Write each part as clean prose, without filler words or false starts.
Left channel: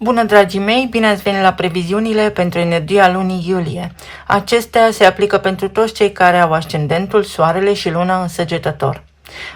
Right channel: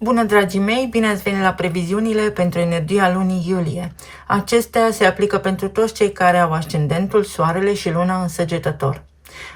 Bună, dragii mei! Bine ați venit la previziunile pentru energia lunii iulie. Acestea se aplică pentru toți cei care au ascendentul, soarele și luna în Săgetător.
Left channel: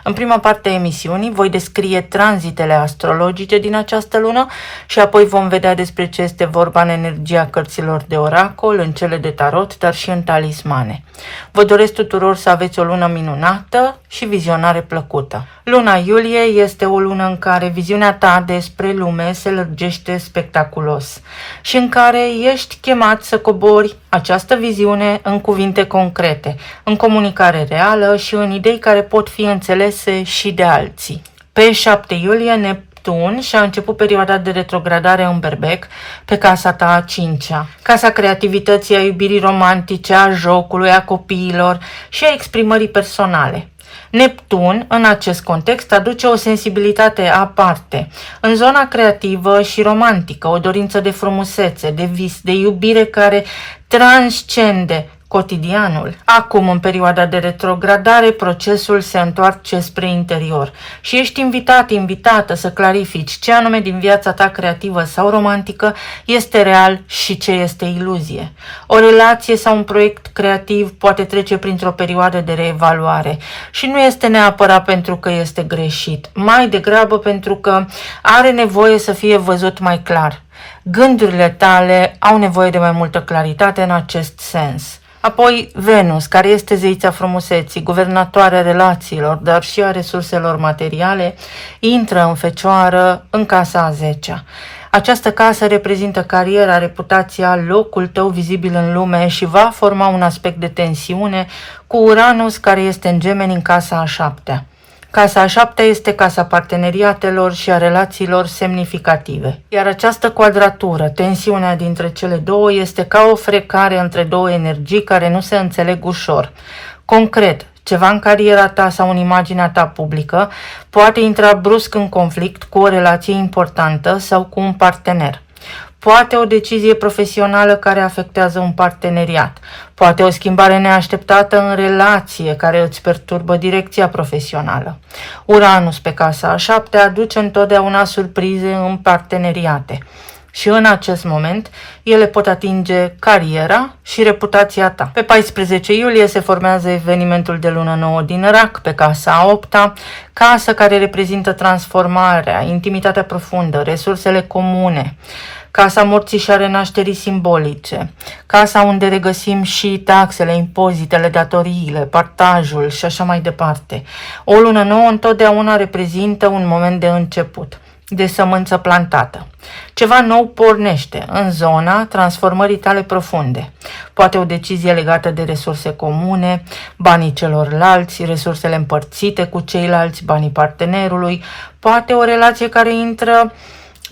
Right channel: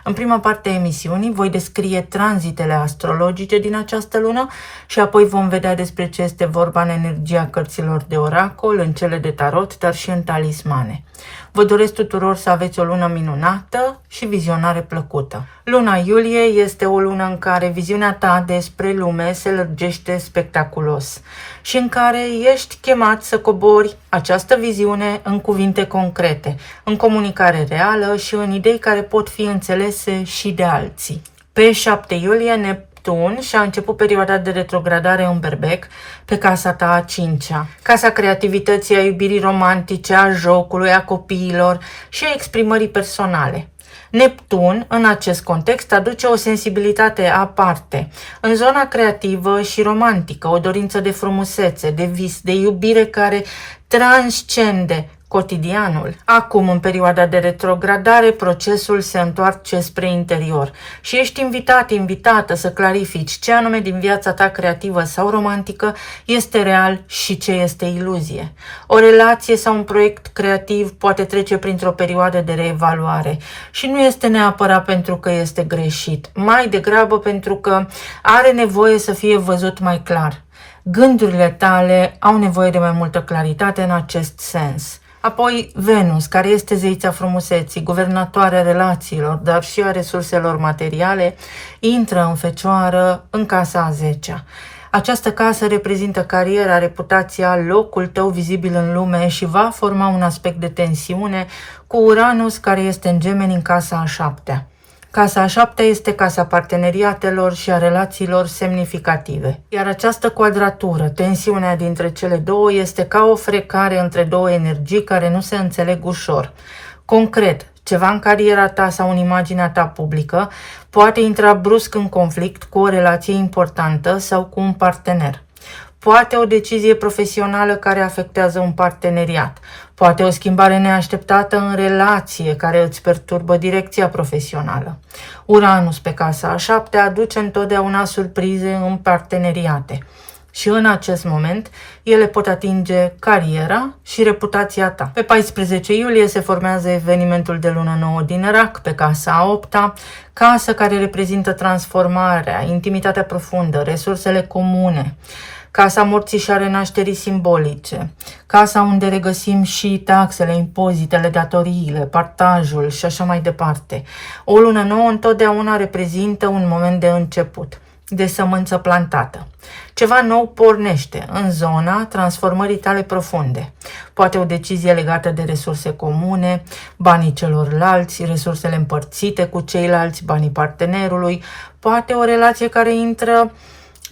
În prima parte a emisiunii voi descrie tranzitele astrologice din această lună și apoi vom vedea despre ce este vorba în energia cărților de oracol, în cele de tarot, dar și în talismane. Vă doresc tuturor să aveți o lună minunată și vizionare plăcută. Luna iulie este o lună în care viziunea ta despre lume se lărgește spectaculos și în care ești chemat să cobori această viziune în cuvinte concrete, în comunicare reală și în idei care pot fi înțelese și de alții. Pe 7 iulie, Neptun și-a început perioada de retrogradare în Berbec, pe casa ta a 5-a, casa creativității, a iubirii romantice, a jocului, a copiilor și a exprimării personale. Neptun, în acest context, aduce o sensibilitate aparte, în zona creativă și romantică, o dorință de frumusețe, de vis, de iubire care transcende cotidianul. Acum, în perioada de retrogradare, procesul se întoarce spre interior și ești invitată să clarifici ce anume din viața ta creativă sau romantică este real și ce este iluzie. O relație sau un proiect creativ poate trece printr-o perioadă de reevaluare și nu este neapărat pentru că este greșit, mai degrabă pentru că are nevoie să fie văzut mai clar. Gândurile tale au nevoie de mai multă claritate în acest sens. Apoi Venus, care este zeița frumuseții, guvernatoarea relațiilor, dar și a resurselor materiale, intră în Fecioară, în casa a 10-a. Această casă reprezintă cariera, reputația, locul tău vizibil în lume și va forma un aspect de tensiune cu Uranus, care este în Gemeni, în casa a 7-a. Casa a 7-a este casa parteneriatelor și a relațiilor semnificative. Iar această quadratură, tensiunea dintre cele două, este ca o frecare între două energii care nu se înțeleg ușor. Concret, ceva în cariera ta sau în imaginea ta publică poate intra brusc în conflict cu o relație importantă sau cu un partener. Poate o decizie profesională care afectează un parteneriat. Poate o schimbare neașteptată în relație care îți perturbă direcția profesională. Uranus pe casa a 7-a aduce întotdeauna surprize în parteneriate. Și în acest moment, ele pot atinge cariera și reputația ta. Pe 14 iulie se formează evenimentul de lună nouă din Rac, pe casa a 8-a, casă care reprezintă transformarea, intimitatea profundă, resursele comune, casa morții și a renașterii simbolice, casa unde regăsim și taxele, impozitele, datoriile, partajul și așa mai departe. O lună nouă întotdeauna reprezintă un moment de început, de sămânță plantată. Ceva nou pornește în zona transformării tale profunde. Poate o decizie legată de resurse comune, banii celorlalți, resursele împărțite cu ceilalți, banii partenerului, poate o relație care intră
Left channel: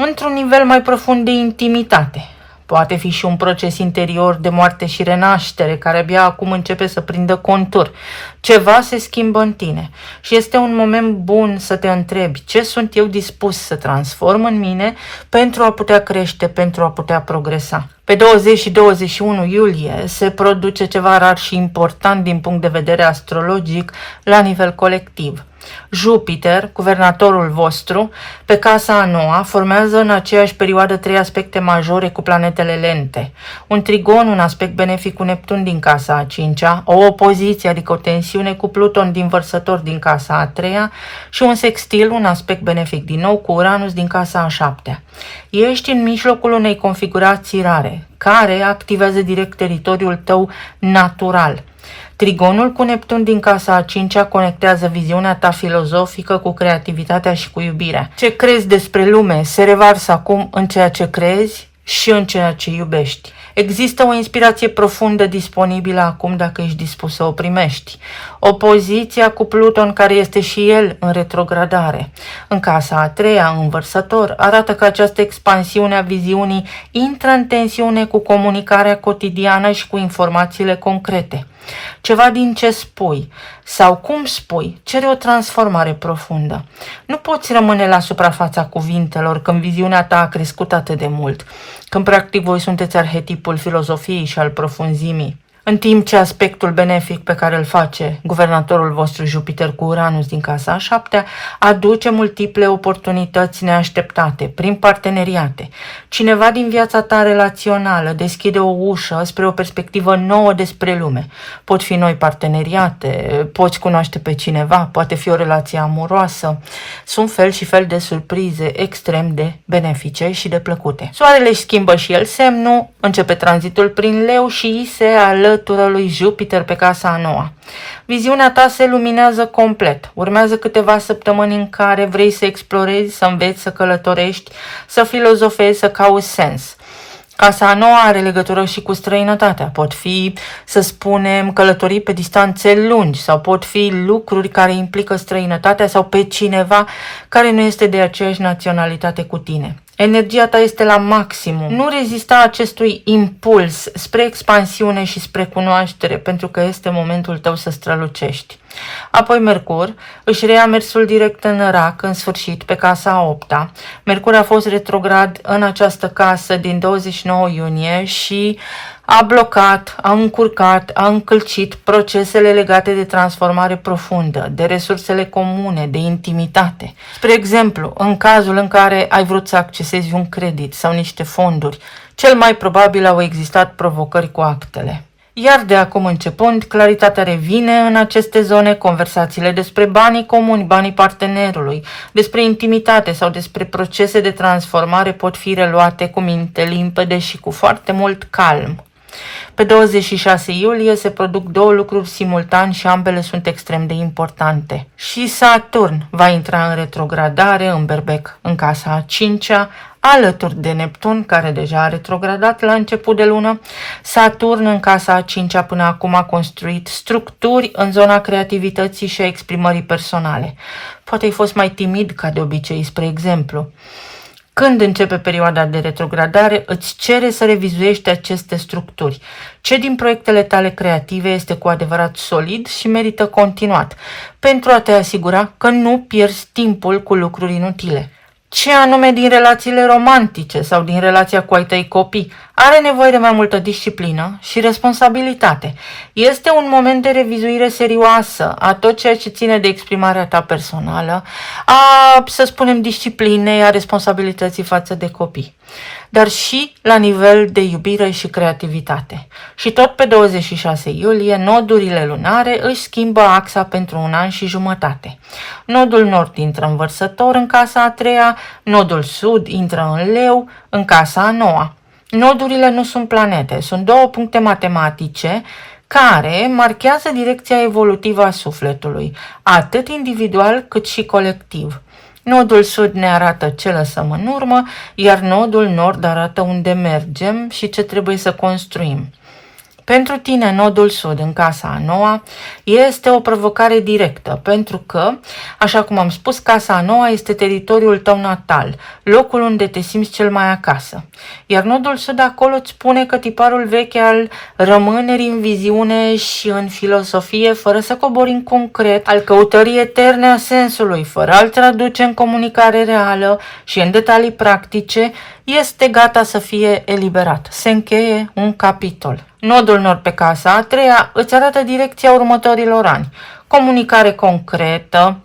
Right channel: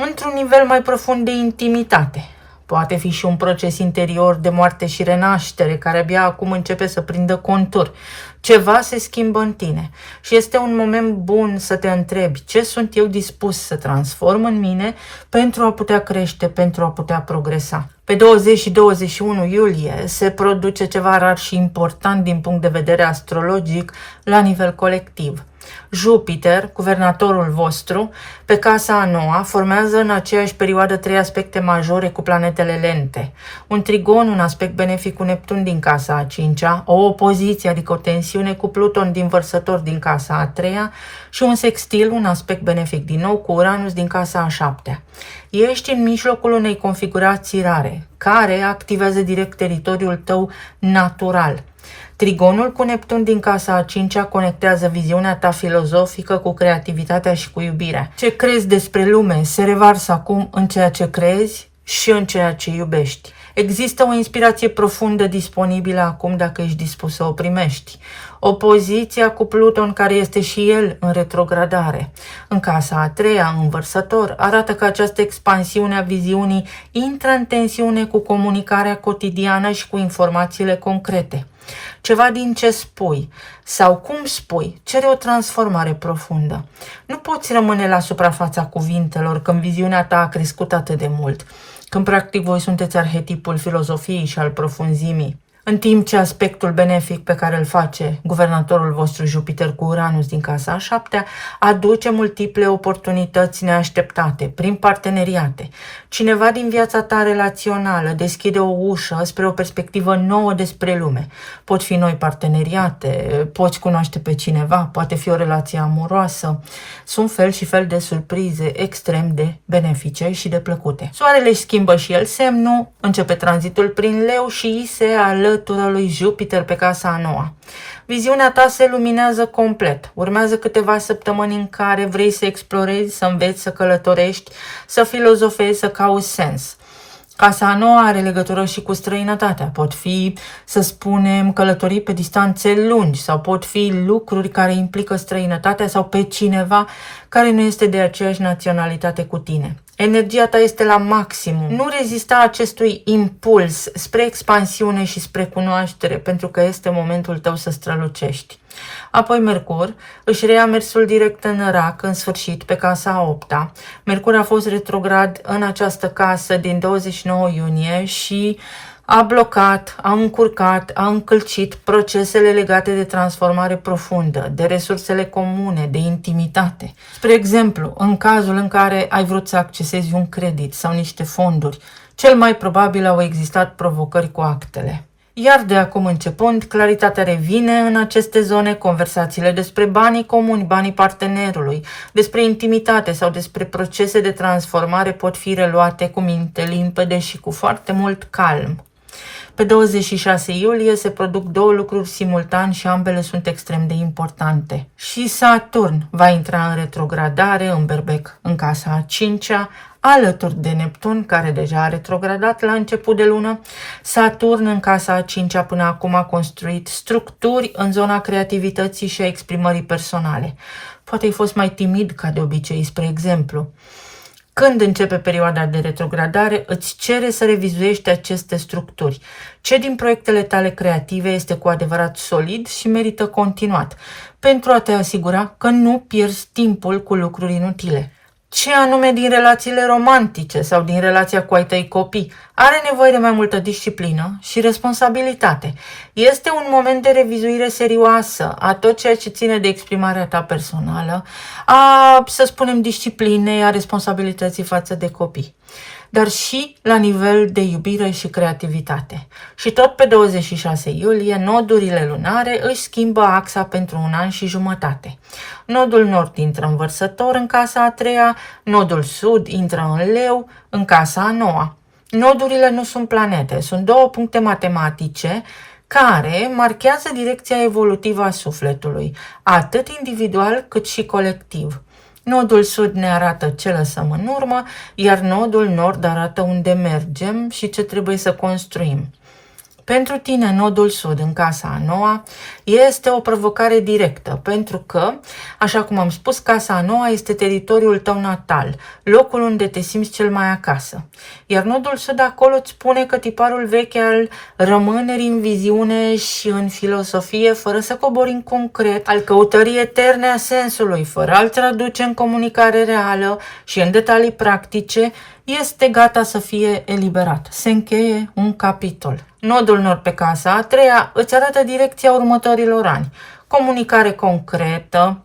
într-un nivel mai profund de intimitate. Poate fi și un proces interior de moarte și renaștere care abia acum începe să prindă contur. Ceva se schimbă în tine și este un moment bun să te întrebi ce sunt eu dispus să transform în mine pentru a putea crește, pentru a putea progresa. Pe 20 și 21 iulie se produce ceva rar și important din punct de vedere astrologic la nivel colectiv. Jupiter, guvernatorul vostru, pe casa a 9-a, formează în aceeași perioadă 3 aspecte majore cu planetele lente. Un trigon, un aspect benefic cu Neptun din casa a 5-a, o opoziție, adică o tensiune cu Pluton din Vărsător din casa a 3-a și un sextil, un aspect benefic din nou cu Uranus din casa a 7-a. Ești în mijlocul unei configurații rare, care activează direct teritoriul tău natural. Trigonul cu Neptun din casa a 5-a conectează viziunea ta filozofică cu creativitatea și cu iubirea. Ce crezi despre lume se revarsă acum în ceea ce crezi și în ceea ce iubești. Există o inspirație profundă disponibilă acum dacă ești dispus să o primești. Opoziția cu Pluton, care este și el în retrogradare, în casa a 3-a, în Vărsător, arată că această expansiune a viziunii intră în tensiune cu comunicarea cotidiană și cu informațiile concrete. Ceva din ce spui sau cum spui cere o transformare profundă. Nu poți rămâne la suprafața cuvintelor când viziunea ta a crescut atât de mult, când practic voi sunteți arhetipul filozofiei și al profunzimii. În timp ce aspectul benefic pe care îl face guvernatorul vostru Jupiter cu Uranus din casa a 7-a aduce multiple oportunități neașteptate prin parteneriate. Cineva din viața ta relațională deschide o ușă spre o perspectivă nouă despre lume. Pot fi noi parteneriate, poți cunoaște pe cineva, poate fi o relație amoroasă. Sunt fel și fel de surprize extrem de benefice și de plăcute. Soarele își schimbă și el semnul, începe tranzitul prin Leu și se alătură lui Jupiter pe casa a 9-a. Viziunea ta se luminează complet. Urmează câteva săptămâni în care vrei să explorezi, să înveți, să călătorești, să filozofezi, să cauți sens. Casa a 9-a are legătură și cu străinătatea. Pot fi, să spunem, călătorii pe distanțe lungi sau pot fi lucruri care implică străinătatea sau pe cineva care nu este de aceeași naționalitate cu tine. Energia ta este la maximum. Nu rezista acestui impuls spre expansiune și spre cunoaștere, pentru că este momentul tău să strălucești. Apoi Mercur își reia mersul direct în Rac, în sfârșit, pe casa a 8-a. Mercur a fost retrograd în această casă din 29 iunie și a blocat, a încurcat, a încălcit procesele legate de transformare profundă, de resursele comune, de intimitate. Spre exemplu, în cazul în care ai vrut să accesezi un credit sau niște fonduri, cel mai probabil au existat provocări cu actele. Iar de acum începând, claritatea revine în aceste zone, conversațiile despre banii comuni, banii partenerului, despre intimitate sau despre procese de transformare pot fi reluate cu minte limpede și cu foarte mult calm. Pe 26 iulie se produc două lucruri simultan și ambele sunt extrem de importante. Și Saturn va intra în retrogradare în Berbec, în casa a 5-a, alături de Neptun, care deja a retrogradat la început de lună. Saturn în casa a 5-a până acum a construit structuri în zona creativității și a exprimării personale. Poate ai fost mai timid ca de obicei, spre exemplu. Când începe perioada de retrogradare, îți cere să revizuiești aceste structuri. Ce din proiectele tale creative este cu adevărat solid și merită continuat, pentru a te asigura că nu pierzi timpul cu lucruri inutile. Ce anume din relațiile romantice sau din relația cu ai tăi copii are nevoie de mai multă disciplină și responsabilitate. Este un moment de revizuire serioasă a tot ceea ce ține de exprimarea ta personală, a, să spunem, disciplinei, a responsabilității față de copii, dar și la nivel de iubire și creativitate. Și tot pe 26 iulie, nodurile lunare își schimbă axa pentru 1 an și jumătate. Nodul nord intră în Vărsător, în casa a 3-a, nodul sud intră în Leu, în casa a 9-a. Nodurile nu sunt planete, sunt două puncte matematice care marchează direcția evolutivă a sufletului, atât individual cât și colectiv. Nodul sud ne arată ce lăsăm în urmă, iar nodul nord arată unde mergem și ce trebuie să construim. Pentru tine, nodul sud în casa a 9-a este o provocare directă, pentru că, așa cum am spus, casa a 9-a este teritoriul tău natal, locul unde te simți cel mai acasă. Iar nodul sud acolo îți spune că tiparul vechi al rămânerii în viziune și în filosofie, fără să cobori în concret, al căutării eterne a sensului, fără a-l traduce în comunicare reală și în detalii practice, este gata să fie eliberat. Se încheie un capitol. Nodul nord pe casa a 3-a îți arată direcția următorilor ani. Comunicare concretă,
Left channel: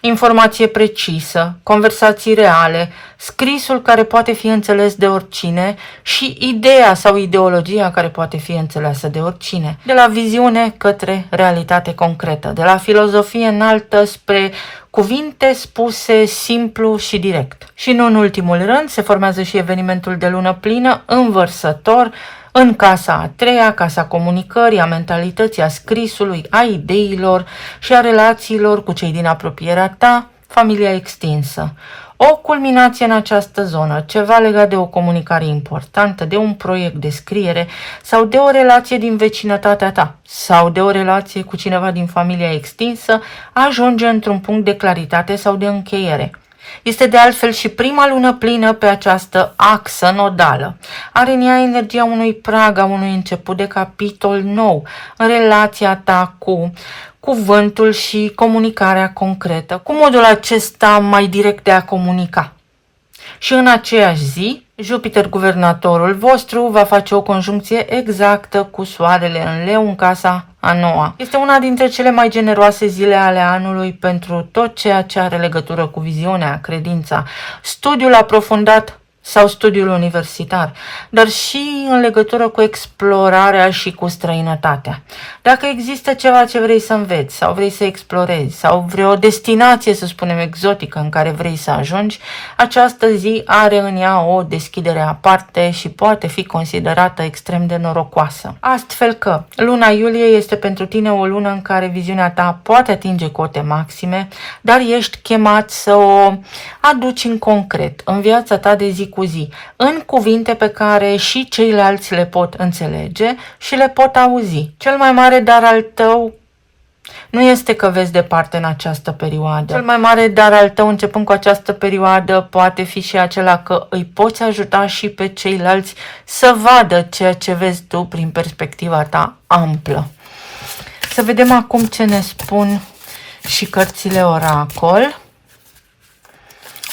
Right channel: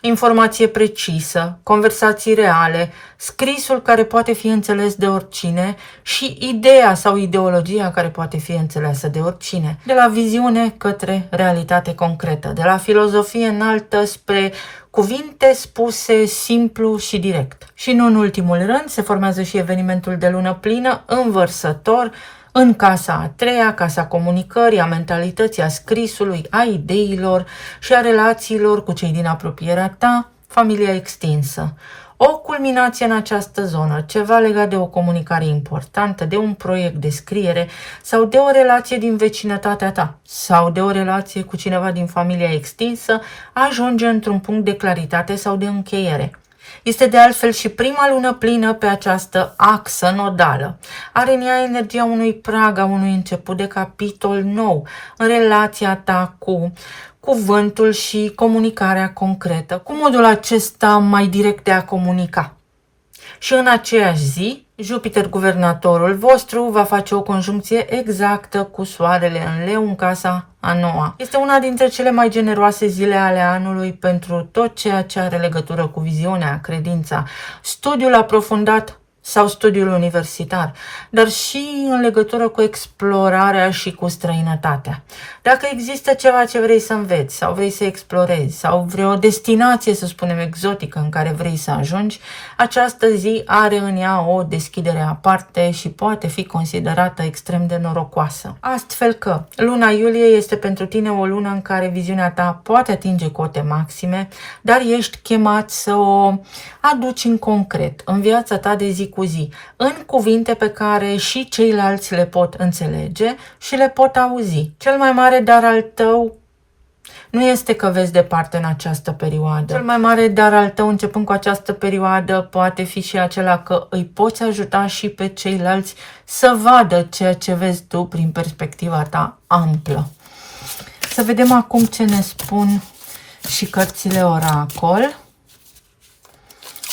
informație precisă, conversații reale, scrisul care poate fi înțeles de oricine și ideea sau ideologia care poate fi înțeleasă de oricine. De la viziune către realitate concretă, de la filozofie înaltă spre cuvinte spuse simplu și direct. Și nu în ultimul rând se formează și evenimentul de lună plină în Vărsător, în casa a 3-a, casa comunicării, a mentalității, a scrisului, a ideilor și a relațiilor cu cei din apropierea ta, familia extinsă. O culminație în această zonă, ceva legat de o comunicare importantă, de un proiect de scriere sau de o relație din vecinătatea ta sau de o relație cu cineva din familia extinsă, ajunge într-un punct de claritate sau de încheiere. Este de altfel și prima lună plină pe această axă nodală. Are în ea energia unui prag, a unui început de capitol nou în relația ta cu cuvântul și comunicarea concretă, cu modul acesta mai direct de a comunica. Și în aceeași zi, Jupiter, guvernatorul vostru, va face o conjuncție exactă cu Soarele în Leu în casa a noua. Este una dintre cele mai generoase zile ale anului pentru tot ceea ce are legătură cu viziunea, credința, studiul aprofundat sau studiul universitar, dar și în legătură cu explorarea și cu străinătatea. Dacă există ceva ce vrei să înveți sau vrei să explorezi sau vreo destinație, să spunem, exotică în care vrei să ajungi, această zi are în ea o deschidere aparte și poate fi considerată extrem de norocoasă. Astfel că luna iulie este pentru tine o lună în care viziunea ta poate atinge cote maxime, dar ești chemat să o aduci în concret, în viața ta de zi cu zi, în cuvinte pe care și ceilalți le pot înțelege și le pot auzi. Cel mai mare dar al tău nu este că vezi departe în această perioadă. Cel mai mare dar al tău începând cu această perioadă poate fi și acela că îi poți ajuta și pe ceilalți să vadă ceea ce vezi tu prin perspectiva ta amplă. Să vedem acum ce ne spun și cărțile oracol.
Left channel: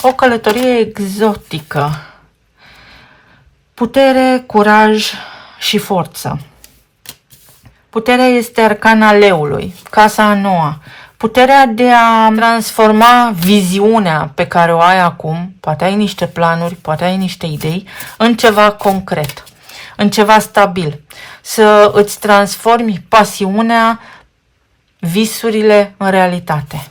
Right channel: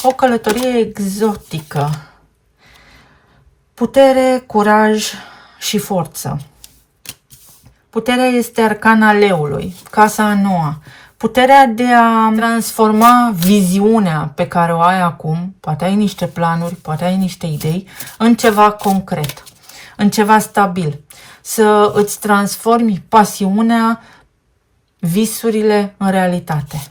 O călătorie exotică. Putere, curaj și forță. Puterea este arcana leului, casa a noua. Puterea de a transforma viziunea pe care o ai acum, poate ai niște planuri, poate ai niște idei, în ceva concret, în ceva stabil. Să îți transformi pasiunea, visurile în realitate.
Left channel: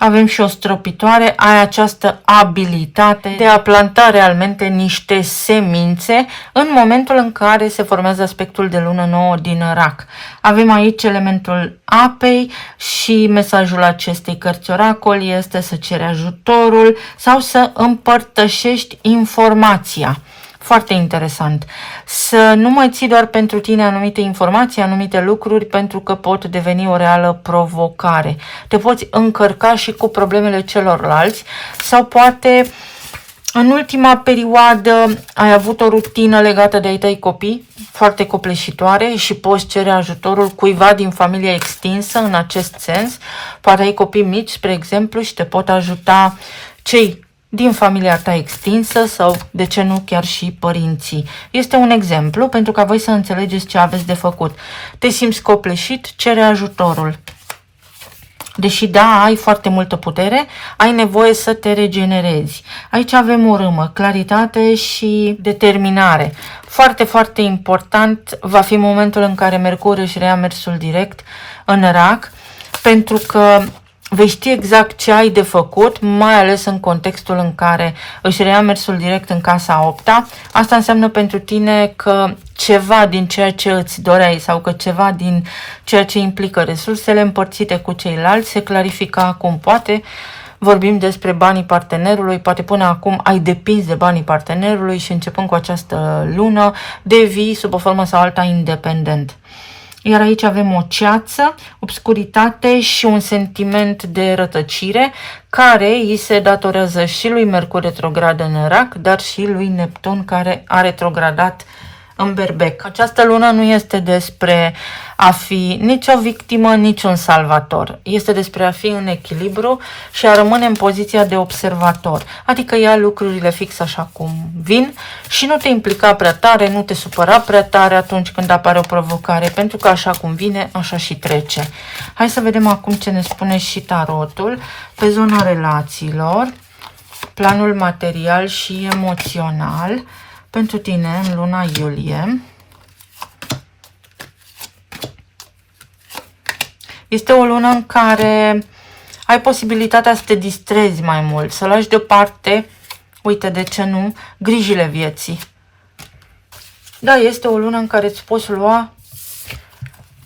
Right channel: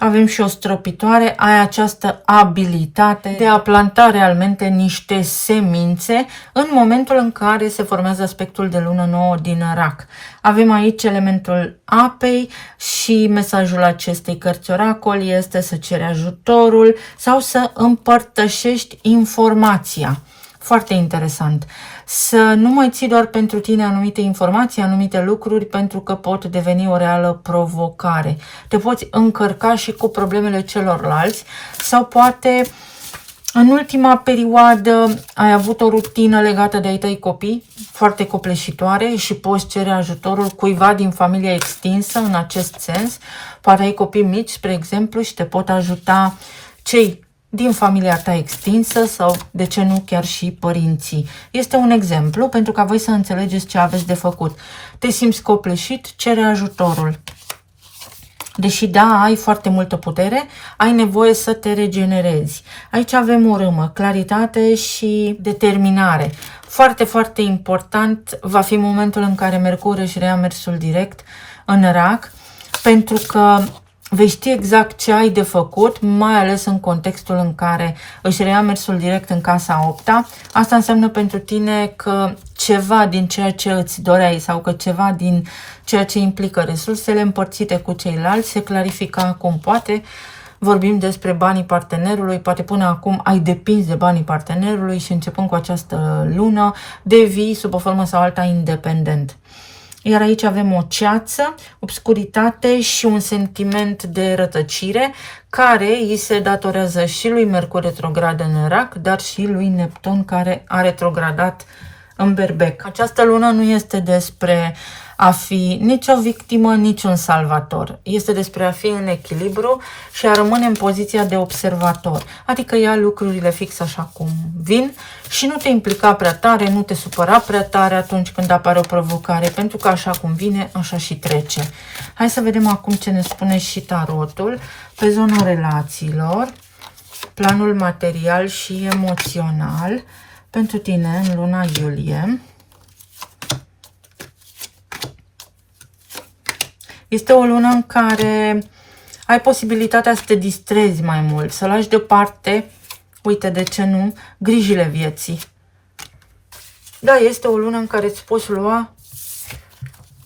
Avem și o stropitoare, ai această abilitate de a planta realmente niște semințe în momentul în care se formează aspectul de lună nouă din Rac. Avem aici elementul apei și mesajul acestei cărți oracol este să ceri ajutorul sau să împărtășești informația. Foarte interesant. Să nu mai ții doar pentru tine anumite informații, anumite lucruri, pentru că pot deveni o reală provocare. Te poți încărca și cu problemele celorlalți sau poate în ultima perioadă ai avut o rutină legată de ai tăi copii, foarte copleșitoare și poți cere ajutorul cuiva din familia extinsă în acest sens. Poate ai copii mici, spre exemplu, și te pot ajuta cei din familia ta extinsă sau, de ce nu, chiar și părinții. Este un exemplu pentru ca voi să înțelegeți ce aveți de făcut. Te simți copleșit, cere ajutorul. Deși da, ai foarte multă putere, ai nevoie să te regenerezi. Aici avem o râmă, claritate și determinare. Foarte, foarte important va fi momentul în care Mercur își reia mersul direct în Rac, pentru că vei ști exact ce ai de făcut, mai ales în contextul în care își reia mersul direct în casa 8-a. Asta înseamnă pentru tine că ceva din ceea ce îți doreai sau că ceva din ceea ce implică resursele împărțite cu ceilalți se clarifică acum. Poate vorbim despre banii partenerului, poate până acum ai depins de banii partenerului și începând cu această lună devii sub o formă sau alta independent. Iar aici avem o ceață, obscuritate și un sentiment de rătăcire care îi se datorează și lui Mercur retrograd în Rac, dar și lui Neptun care a retrogradat în Berbec. Această lună nu este despre a fi nici o victimă, nici un salvator. Este despre a fi în echilibru și a rămâne în poziția de observator. Adică ia lucrurile fix așa cum vin și nu te implica prea tare, nu te supăra prea tare atunci când apare o provocare, pentru că așa cum vine, așa și trece. Hai să vedem acum ce ne spune și tarotul pe zona relațiilor, planul material și emoțional pentru tine în luna iulie. Este o lună în care ai posibilitatea să te distrezi mai mult, să lași deoparte, uite de ce nu, grijile vieții. Da, este o lună în care îți poți lua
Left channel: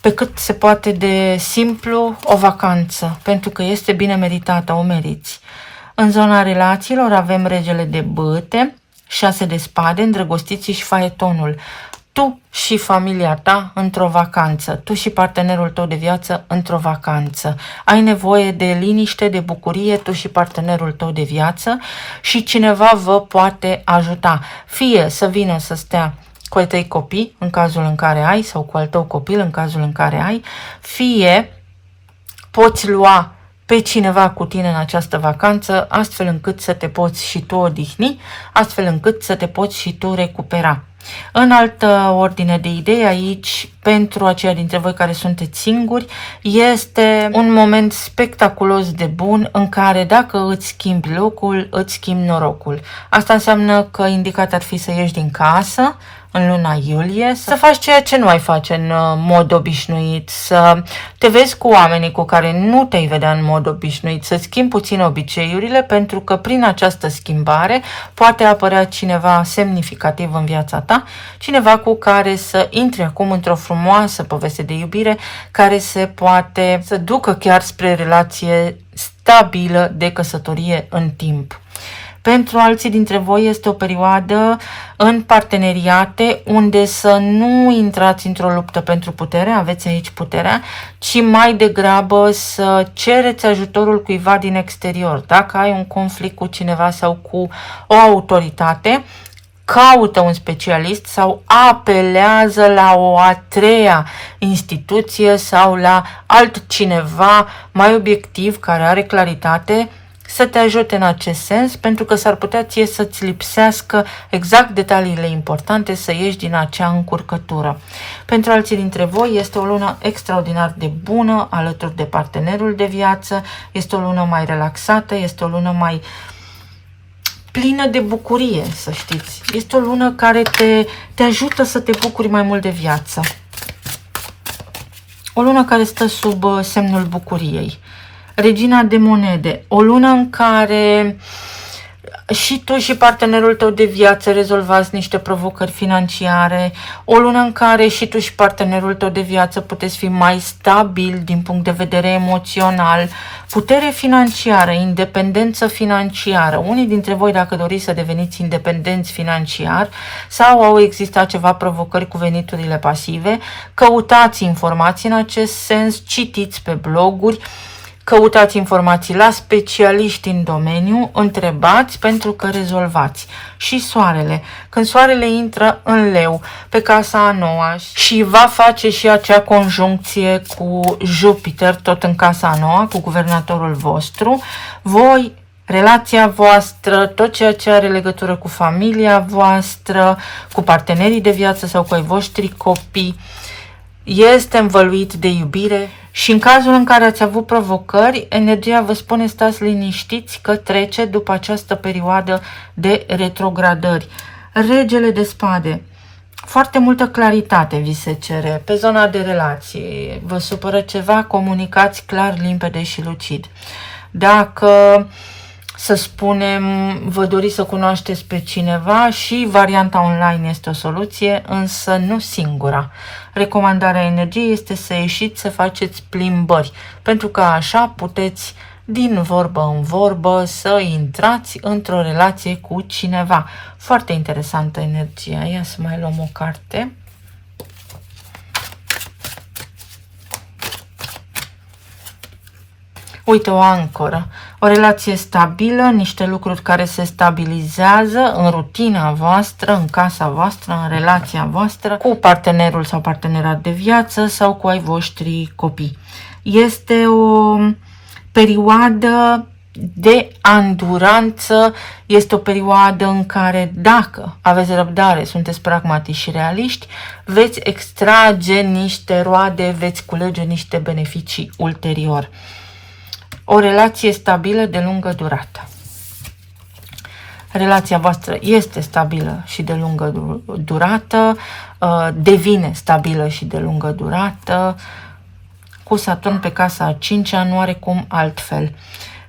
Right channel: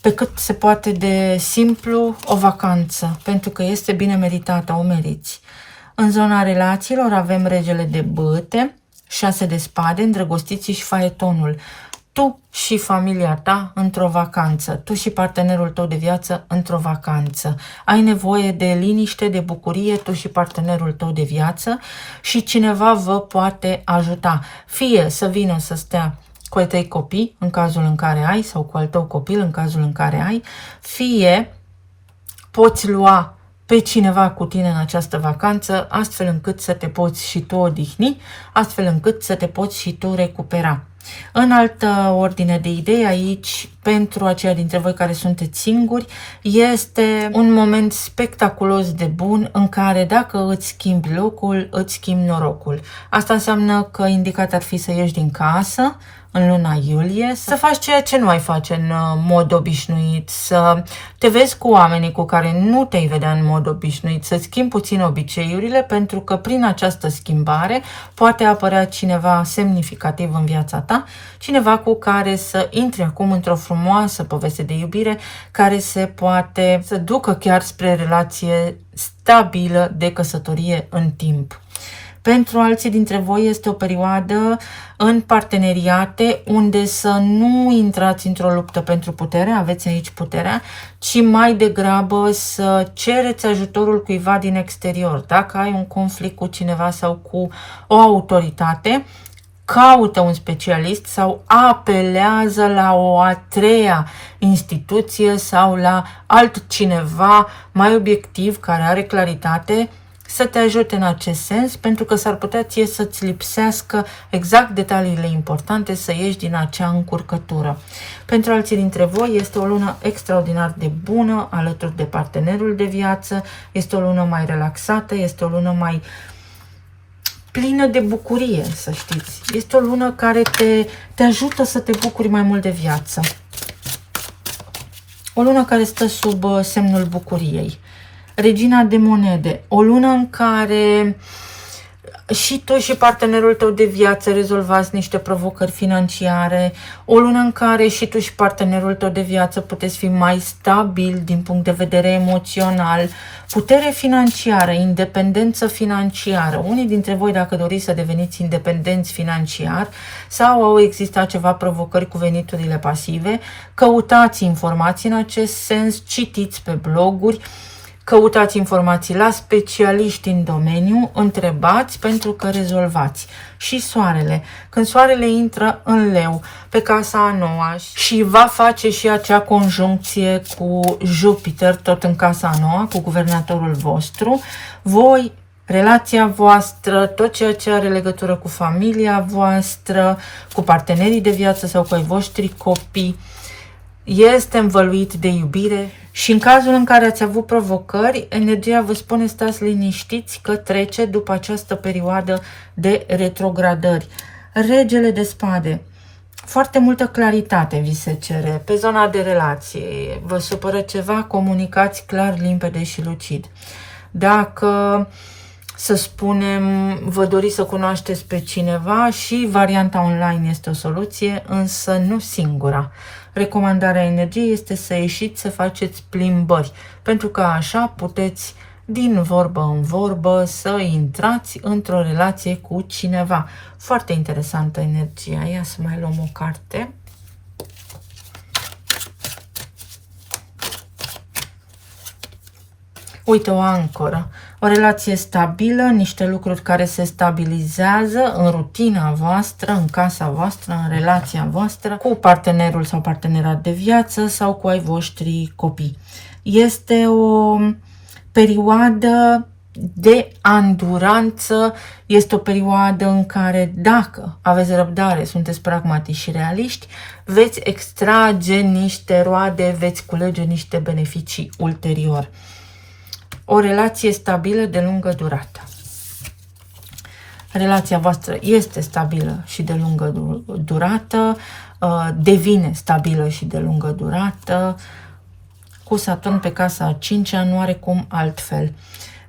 pe cât se poate de simplu o vacanță, pentru că este bine meritată, o meriți. În zona relațiilor avem regele de bâte, 6 de spade, îndrăgostiții și faetonul. Tu și familia ta într-o vacanță, tu și partenerul tău de viață într-o vacanță. Ai nevoie de liniște, de bucurie, tu și partenerul tău de viață și cineva vă poate ajuta. Fie să vină să stea cu ai tăi copii, în cazul în care ai, sau cu al tău copil, în cazul în care ai, fie poți lua pe cineva cu tine în această vacanță, astfel încât să te poți și tu odihni, astfel încât să te poți și tu recupera. În altă ordine de idei aici, pentru aceia dintre voi care sunteți singuri, este un moment spectaculos de bun în care dacă îți schimbi locul, îți schimbi norocul. Asta înseamnă că indicat ar fi să ieși din casă în luna iulie, să faci ceea ce nu ai face în mod obișnuit, să te vezi cu oamenii cu care nu te-ai vedea în mod obișnuit, să schimbi puțin obiceiurile, pentru că prin această schimbare poate apărea cineva semnificativ în viața ta, cineva cu care să intri acum într-o frumoasă poveste de iubire care se poate să ducă chiar spre relație stabilă de căsătorie în timp. Pentru alții dintre voi este o perioadă în parteneriate unde să nu intrați într-o luptă pentru putere, aveți aici puterea, ci mai degrabă să cereți ajutorul cuiva din exterior. Dacă ai un conflict cu cineva sau cu o autoritate, caută un specialist sau apelează la o a treia instituție sau la altcineva mai obiectiv care are claritate să te ajute în acest sens, pentru că s-ar putea ție să-ți lipsească exact detaliile importante să ieși din acea încurcătură. Pentru alții dintre voi este o lună extraordinar de bună alături de partenerul de viață, este o lună mai relaxată, este o lună mai plină de bucurie, să știți. Este o lună care te ajută să te bucuri mai mult de viață. O lună care stă sub semnul bucuriei. Regina de monede, o lună în care și tu și partenerul tău de viață rezolvați niște provocări financiare, o lună în care și tu și partenerul tău de viață puteți fi mai stabil din punct de vedere emoțional, putere financiară, independență financiară. Unii dintre voi, dacă doriți să deveniți independenți financiar sau au existat ceva provocări cu veniturile pasive, căutați informații în acest sens, citiți pe bloguri, căutați informații la specialiști în domeniu, întrebați pentru că rezolvați. Și soarele. Când soarele intră în leu pe casa a noua și va face și acea conjuncție cu Jupiter tot în casa a noua, cu guvernatorul vostru, voi, relația voastră, tot ceea ce are legătură cu familia voastră, cu partenerii de viață sau cu ai voștri copii, este învăluit de iubire. Și în cazul în care ați avut provocări, energia vă spune stați liniștiți că trece după această perioadă de retrogradări. Regele de spade. Foarte multă claritate vi se cere pe zona de relații. Vă supără ceva, comunicați clar, limpede și lucid. Dacă, să spunem, vă doriți să cunoașteți pe cineva, și varianta online este o soluție, însă nu singura. Recomandarea energiei este să ieșiți să faceți plimbări, pentru că așa puteți din vorbă în vorbă să intrați într-o relație cu cineva. Foarte interesantă energia. Ia să mai luăm o carte. Uite, o ancoră. O relație stabilă, niște lucruri care se stabilizează în rutina voastră, în casa voastră, în relația voastră, cu partenerul sau partenera de viață sau cu ai voștri copii. Este o perioadă de anduranță, este o perioadă în care, dacă aveți răbdare, sunteți pragmatici și realiști, veți extrage niște roade, veți culege niște beneficii ulterior. O relație stabilă de lungă durată. Relația voastră este stabilă și de lungă durată, devine stabilă și de lungă durată. Cu Saturn pe casa a 5-a nu are cum altfel.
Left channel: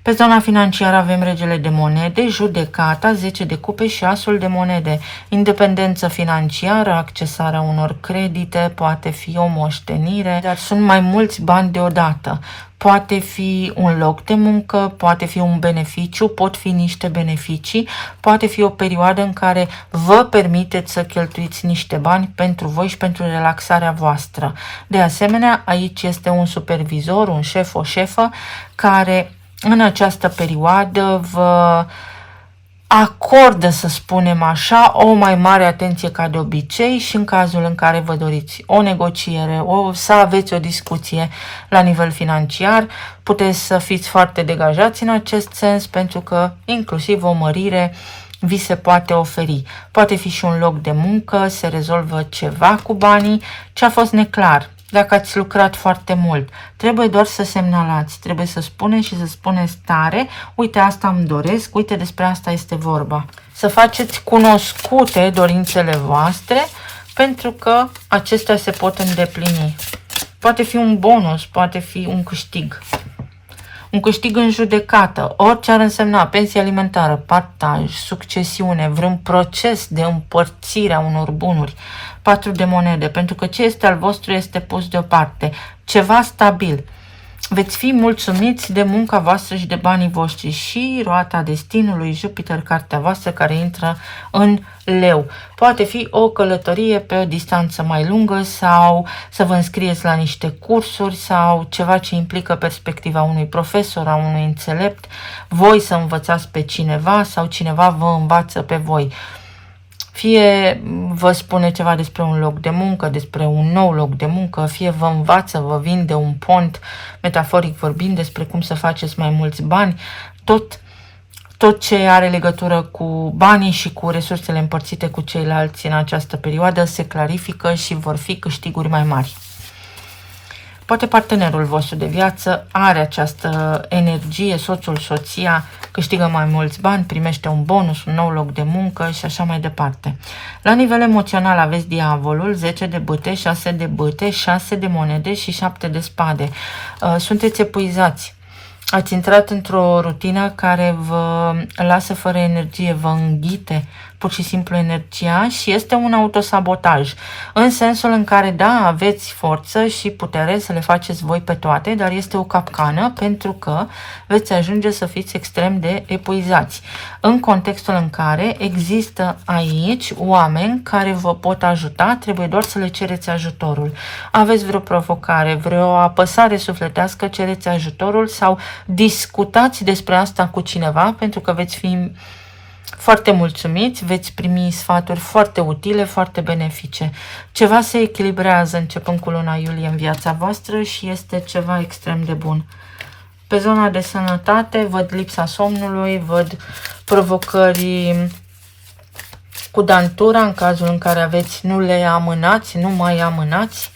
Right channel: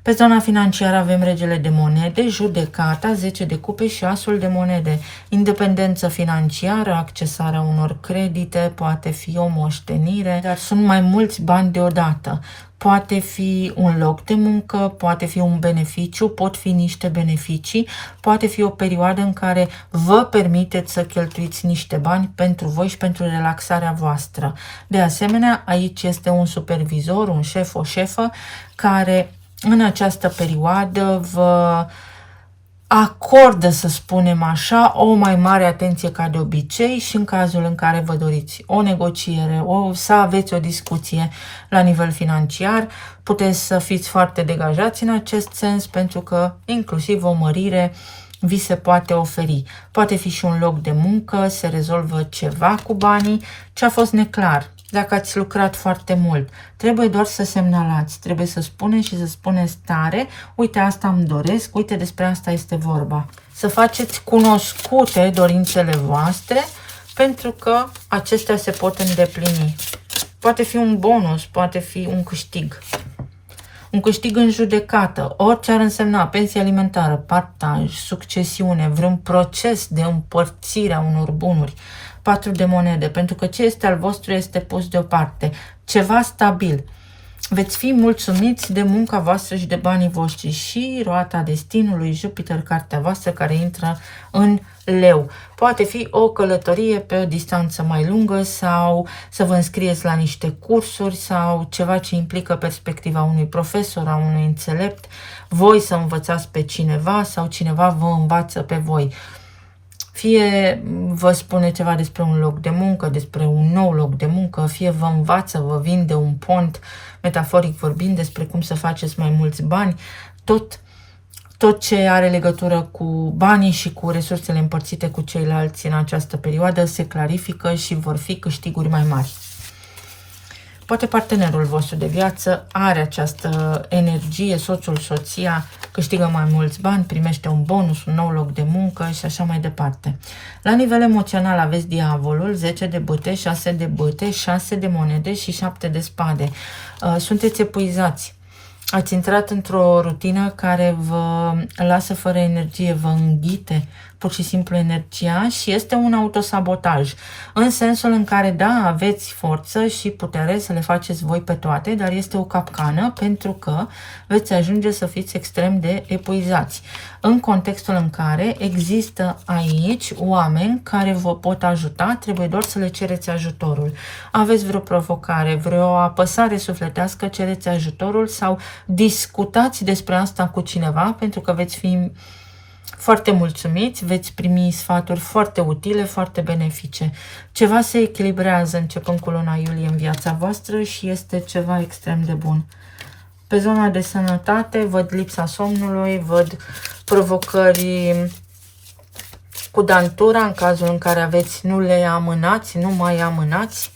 Pe zona financiară avem regele de monede, judecata, 10 de cupe și asul de monede. Independență financiară, accesarea unor credite, poate fi o moștenire, dar sunt mai mulți bani deodată. Poate fi un loc de muncă, poate fi un beneficiu, pot fi niște beneficii, poate fi o perioadă în care vă permiteți să cheltuiți niște bani pentru voi și pentru relaxarea voastră. De asemenea, aici este un supervizor, un șef, o șefă, care în această perioadă vă acordă, să spunem așa, o mai mare atenție ca de obicei și în cazul în care vă doriți o negociere, să aveți o discuție la nivel financiar, puteți să fiți foarte degajați în acest sens, pentru că inclusiv o mărire vi se poate oferi. Poate fi și un loc de muncă, se rezolvă ceva cu banii, ce a fost neclar. Dacă ați lucrat foarte mult, trebuie doar să semnalați, trebuie să spuneți și să spuneți tare, uite, asta îmi doresc, uite, despre asta este vorba. Să faceți cunoscute dorințele voastre, pentru că acestea se pot îndeplini. Poate fi un bonus, poate fi un câștig. Un câștig în judecată, orice ar însemna, pensie alimentară, partaj, succesiune, vreun proces de împărțire a unor bunuri. 4 de monede, pentru că ce este al vostru este pus deoparte. Ceva stabil. Veți fi mulțumiți de munca voastră și de banii voștri. Și roata destinului, Jupiter, cartea voastră, care intră în Leu. Poate fi o călătorie pe o distanță mai lungă sau să vă înscrieți la niște cursuri sau ceva ce implică perspectiva unui profesor, a unui înțelept, voi să învățați pe cineva sau cineva vă învață pe voi. Fie vă spune ceva despre un loc de muncă, despre un nou loc de muncă, fie vă învață, vă vinde un pont, metaforic vorbind, despre cum să faceți mai mulți bani, tot ce are legătură cu banii și cu resursele împărțite cu ceilalți în această perioadă se clarifică și vor fi câștiguri mai mari. Poate partenerul vostru de viață are această energie, soțul, soția, câștigă mai mulți bani, primește un bonus, un nou loc de muncă și așa mai departe. La nivel emoțional aveți diavolul, 10 de bâte, 6 de bâte, 6 de monede și 7 de spade. Sunteți epuizați. Ați intrat într-o rutină care vă lasă fără energie, vă înghite pur și simplu energia și este un autosabotaj. În sensul în care, da, aveți forță și putere să le faceți voi pe toate, dar este o capcană pentru că veți ajunge să fiți extrem de epuizați. În contextul în care există aici oameni care vă pot ajuta, trebuie doar să le cereți ajutorul. Aveți vreo provocare, vreo apăsare sufletească, cereți ajutorul sau discutați despre asta cu cineva, pentru că veți fi foarte mulțumiți, veți primi sfaturi foarte utile, foarte benefice. Ceva se echilibrează începând cu luna iulie în viața voastră și este ceva extrem de bun. Pe zona de sănătate văd lipsa somnului, văd provocări cu dantura în cazul în care aveți, nu le amânați, nu mai amânați.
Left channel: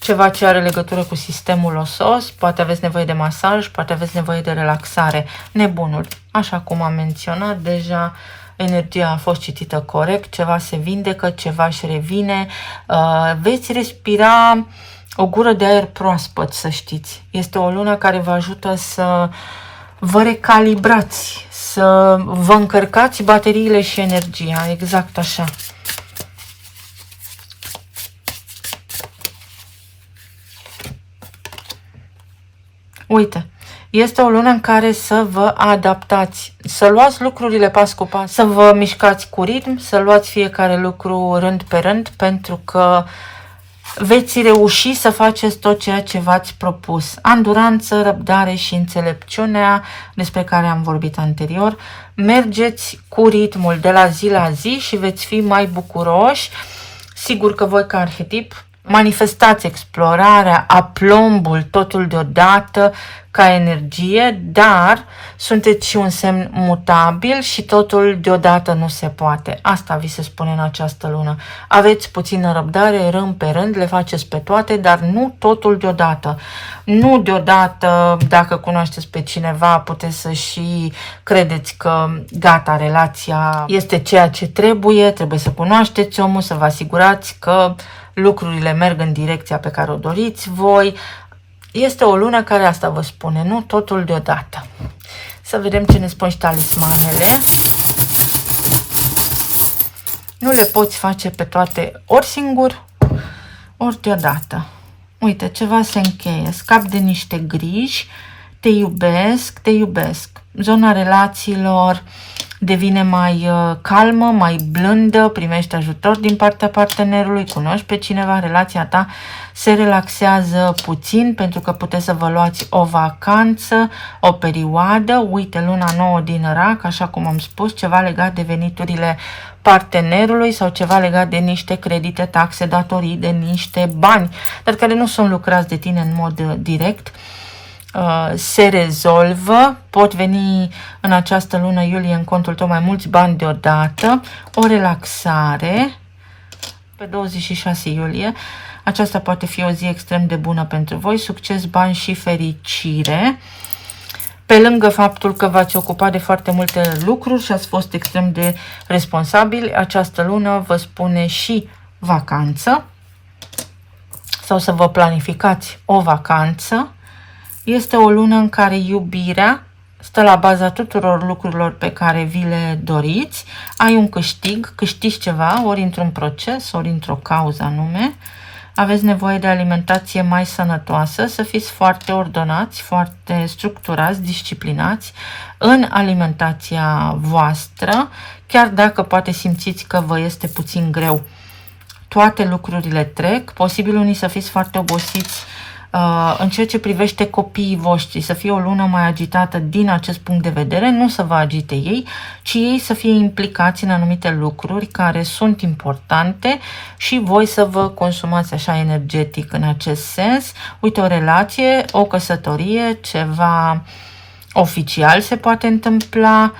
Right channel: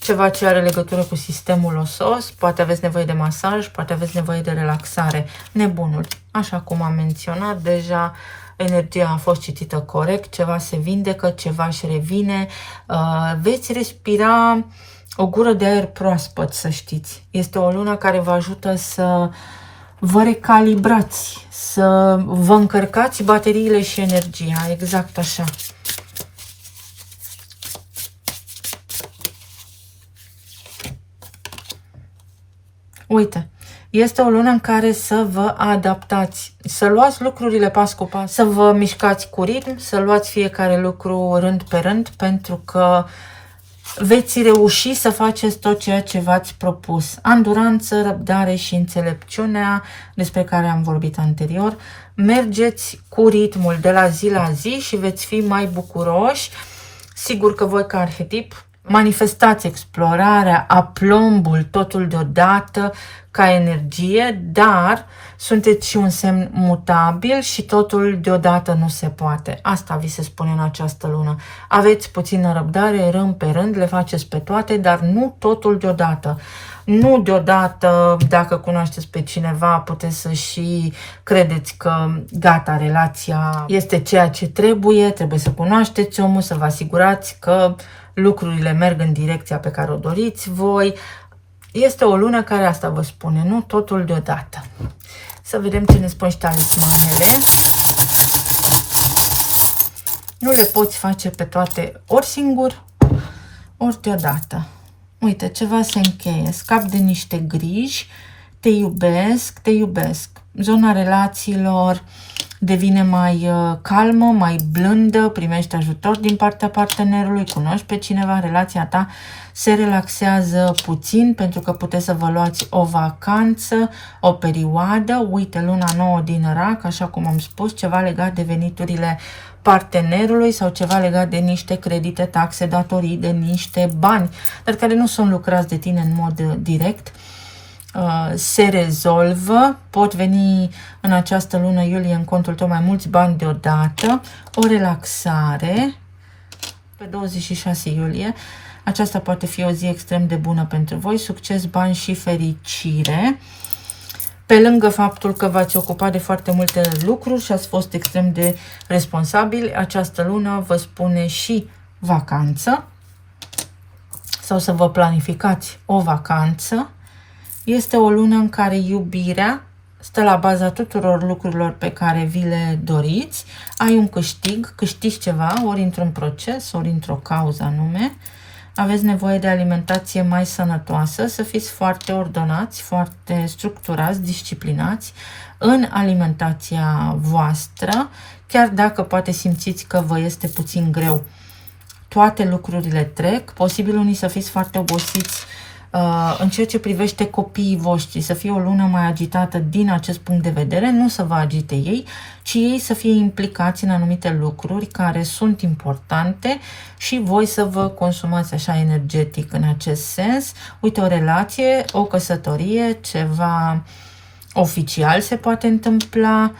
Ceva ce are legătură cu sistemul osos, poate aveți nevoie de masaj, poate aveți nevoie de relaxare. Nebunul, așa cum am menționat deja, energia a fost citită corect, ceva se vindecă, ceva își revine, veți respira o gură de aer proaspăt, să știți. Este o lună care vă ajută să vă recalibrați, să vă încărcați bateriile și energia, exact așa. Uite, este o lună în care să vă adaptați, să luați lucrurile pas cu pas, să vă mișcați cu ritm, să luați fiecare lucru rând pe rând, pentru că veți reuși să faceți tot ceea ce v-ați propus. Anduranță, răbdare și înțelepciunea, despre care am vorbit anterior. Mergeți cu ritmul de la zi la zi și veți fi mai bucuroși. Sigur că voi ca arhetip manifestați explorarea, aplombul, totul deodată ca energie, dar sunteți și un semn mutabil și totul deodată nu se poate. Asta vi se spune în această lună. Aveți puțină răbdare, rând pe rând, le faceți pe toate, dar nu totul deodată. Nu deodată, dacă cunoașteți pe cineva, puteți să și credeți că gata, relația este ceea ce trebuie să cunoașteți omul, să vă asigurați că lucrurile merg în direcția pe care o doriți voi. Este o lună care asta vă spune, nu totul deodată. Să vedem ce ne spun și talismanele. Nu le poți face pe toate ori singur, ori deodată. Uite, ceva se încheie, scap de niște griji, te iubesc, te iubesc. Zona relațiilor, devine mai calmă, mai blândă, primești ajutor din partea partenerului, cunoști pe cineva, relația ta se relaxează puțin pentru că puteți să vă luați o vacanță, o perioadă. Uite, luna nouă din Rac, așa cum am spus, ceva legat de veniturile partenerului sau ceva legat de niște credite, taxe, datorii, de niște bani, dar care nu sunt lucrați de tine în mod direct. Se rezolvă, pot veni în această lună iulie în contul tău mai mulți bani deodată, o relaxare pe 26 iulie. Aceasta poate fi o zi extrem de bună pentru voi, succes, bani și fericire. Pe lângă faptul că v-ați ocupat de foarte multe lucruri și ați fost extrem de responsabili, această lună vă spune și vacanță sau să vă planificați o vacanță. Este o lună în care iubirea stă la baza tuturor lucrurilor pe care vi le doriți. Ai un câștig, câștigi ceva, ori într-un proces, ori într-o cauză anume. Aveți nevoie de alimentație mai sănătoasă, să fiți foarte ordonați, foarte structurați, disciplinați în alimentația voastră, chiar dacă poate simțiți că vă este puțin greu. Toate lucrurile trec, posibil unii să fiți foarte obosiți în ceea ce privește copiii voștri, să fie o lună mai agitată din acest punct de vedere, nu să vă agite ei, ci ei să fie implicați în anumite lucruri care sunt importante și voi să vă consumați așa energetic în acest sens. Uite, o relație, o căsătorie, ceva oficial se poate întâmpla.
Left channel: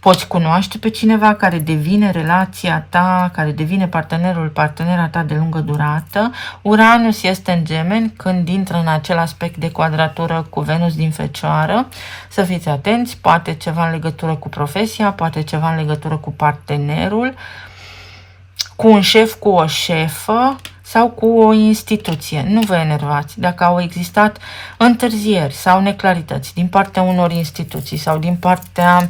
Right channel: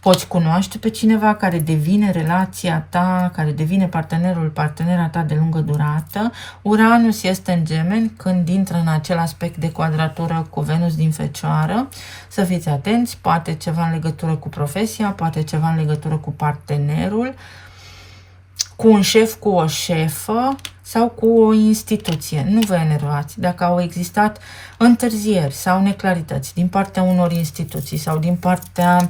Poți cunoaște pe cineva care devine relația ta, care devine partenera ta de lungă durată. Uranus este în Gemeni când intră în acel aspect de quadratură cu Venus din Fecioară. Să fiți atenți, poate ceva în legătură cu profesia, poate ceva în legătură cu partenerul, cu un șef, cu o șefă sau cu o instituție. Nu vă enervați. Dacă au existat întârzieri sau neclarități din partea unor instituții sau din partea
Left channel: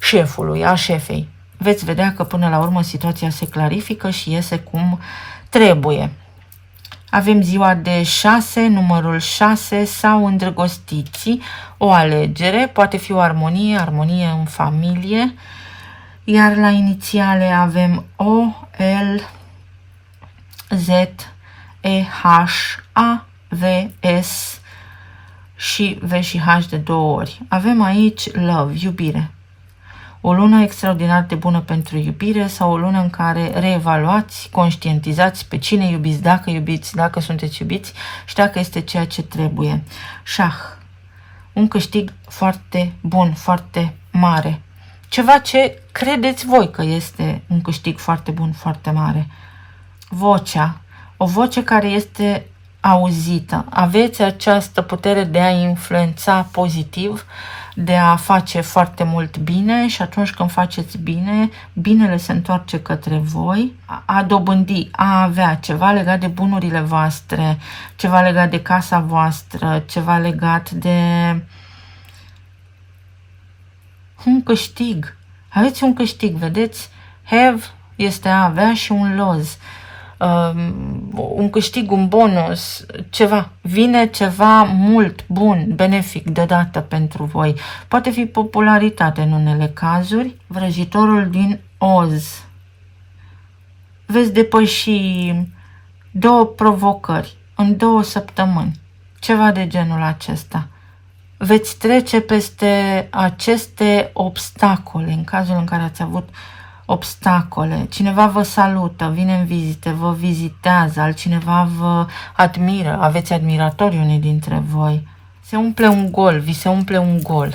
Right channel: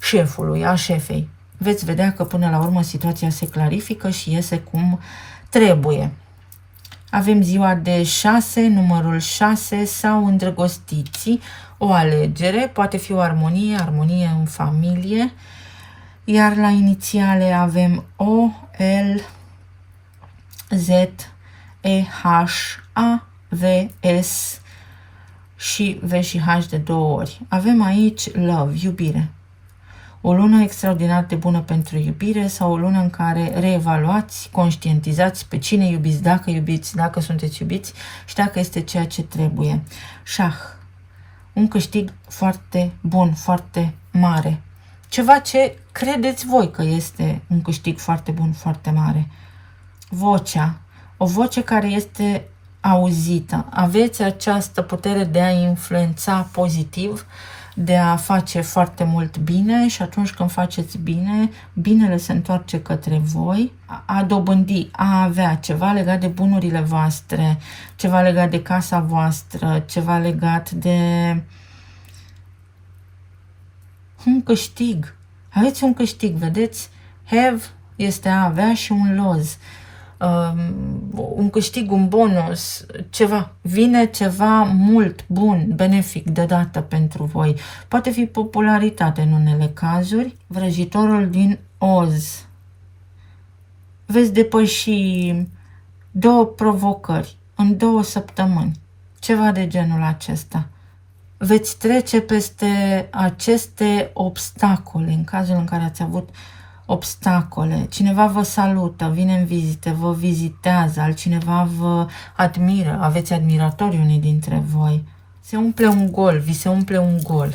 șefului, a șefei, veți vedea că până la urmă situația se clarifică și iese cum trebuie. Avem ziua de 6, numărul 6 sau îndrăgostiții, o alegere, poate fi o armonie, armonie în familie, iar la inițiale avem O, L, Z, E, H, A, V, S și V și H de 2 ori. Avem aici love, iubire. O lună extraordinar de bună pentru iubire sau o lună în care reevaluați, conștientizați pe cine iubiți, dacă sunteți iubiți și dacă este ceea ce trebuie. Șah. Un câștig foarte bun, foarte mare. Ceva ce credeți voi că este un câștig foarte bun, foarte mare. Vocea. O voce care este auzită. Aveți această putere de a influența pozitiv, de a face foarte mult bine și atunci când faceți bine, binele se întoarce către voi. A dobândi, a avea ceva legat de bunurile voastre, ceva legat de casa voastră, ceva legat de un câștig. Aveți un câștig, vedeți? Have este a avea și un lose. Un câștig, un bonus, ceva. Vine ceva mult, bun, benefic deodată pentru voi. Poate fi popularitate în unele cazuri. Vrăjitorul din Oz. Veți depăși 2 provocări în 2 săptămâni. Ceva de genul acesta. Veți trece peste aceste obstacole în cazul în care ați avut obstacole. Cineva vă salută, vine în vizite, vă vizitează, altcineva vă admiră, aveți admiratori unii dintre voi. Se umple un gol, vi se umple un gol.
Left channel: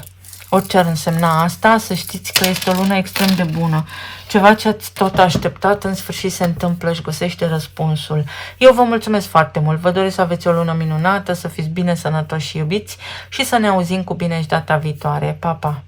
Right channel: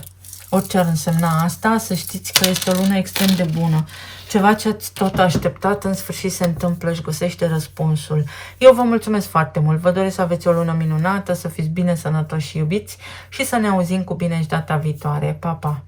Orice ar însemna asta, să știți că este o lună extrem de bună. Ceva ce ați tot așteptat, în sfârșit se întâmplă și găsește răspunsul. Eu vă mulțumesc foarte mult, vă doresc să aveți o lună minunată, să fiți bine, sănătoși și iubiți și să ne auzim cu bine și data viitoare. Pa, pa!